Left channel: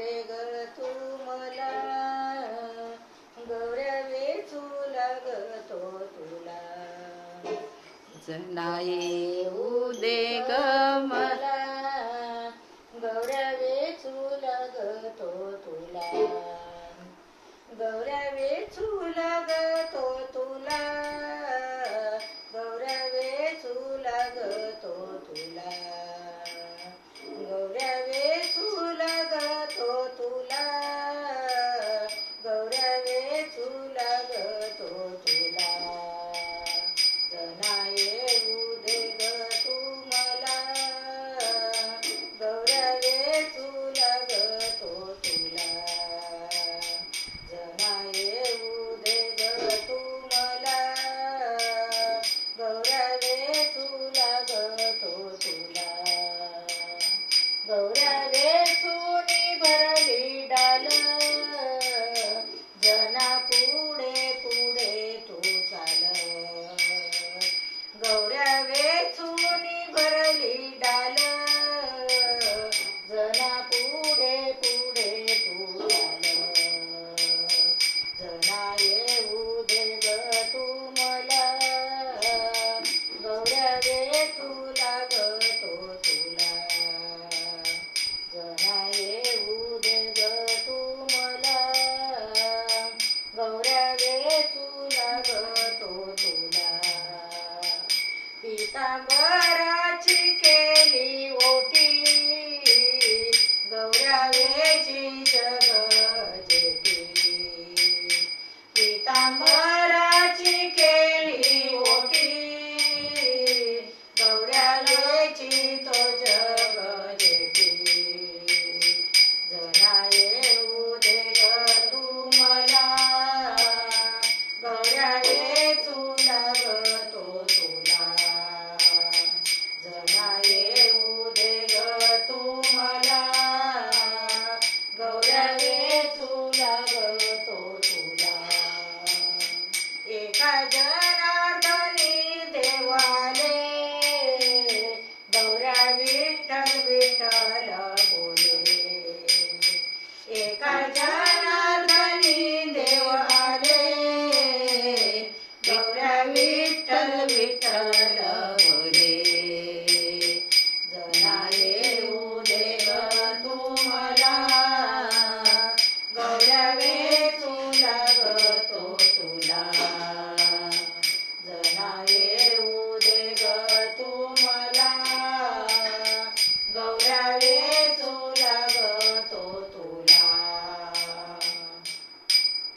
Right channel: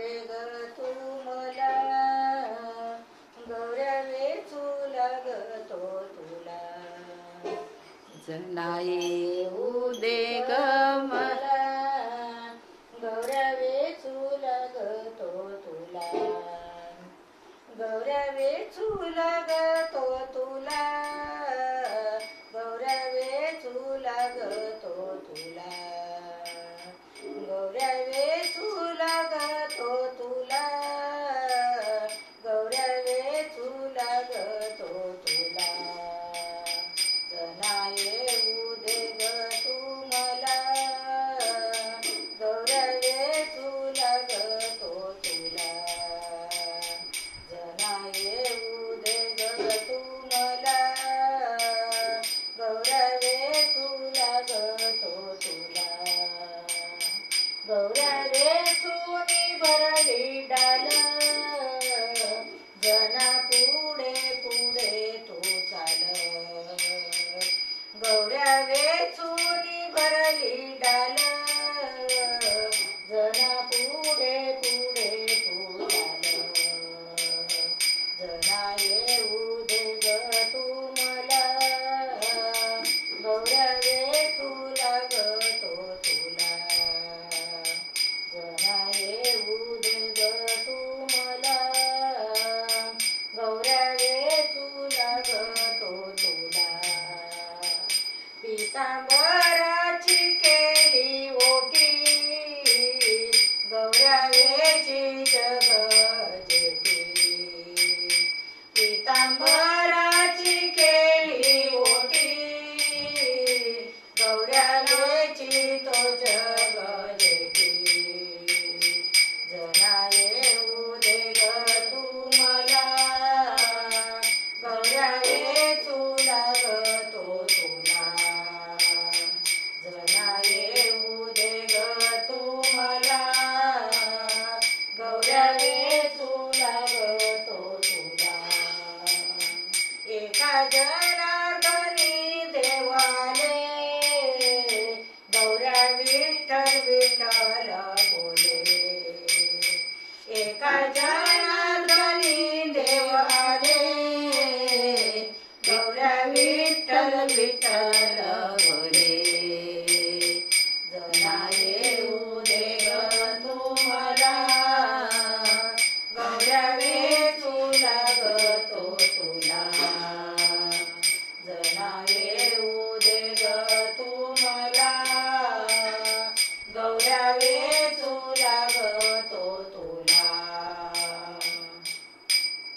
दे ग तू मला, गौऱ्या वेचू लागतो तुला. जना येऊ दे ग मला, गौऱ्या वेचू लागतो तुला. गौऱ्या वेचू लागतो तुला, गौऱ्या वेचू लागतो तुला. गौऱ्या वेचू लागतो तुला, गौऱ्या वेचू लागतो तुला. जना येऊ दे ग तू मला, गौऱ्या वेचू लागतो तुला. जना येऊ दे ग तू मला, गौऱ्या वेचू लागतो तुला. गौऱ्या वेचूनी भरली डाल, जना पुढे पुढे तू चाल. गौऱ्या वेचूनी भरली डाल, जना पुढे पुढे तू चाल. जना येऊ दे ग तू मला, गौऱ्या वेचू लागतो तुला. जना येऊ दे ग तू मला, गौऱ्या वेचू लागतो तुला. पितांबराची केली ओटी, गौऱ्या वेची जग जेठी. पितांबरा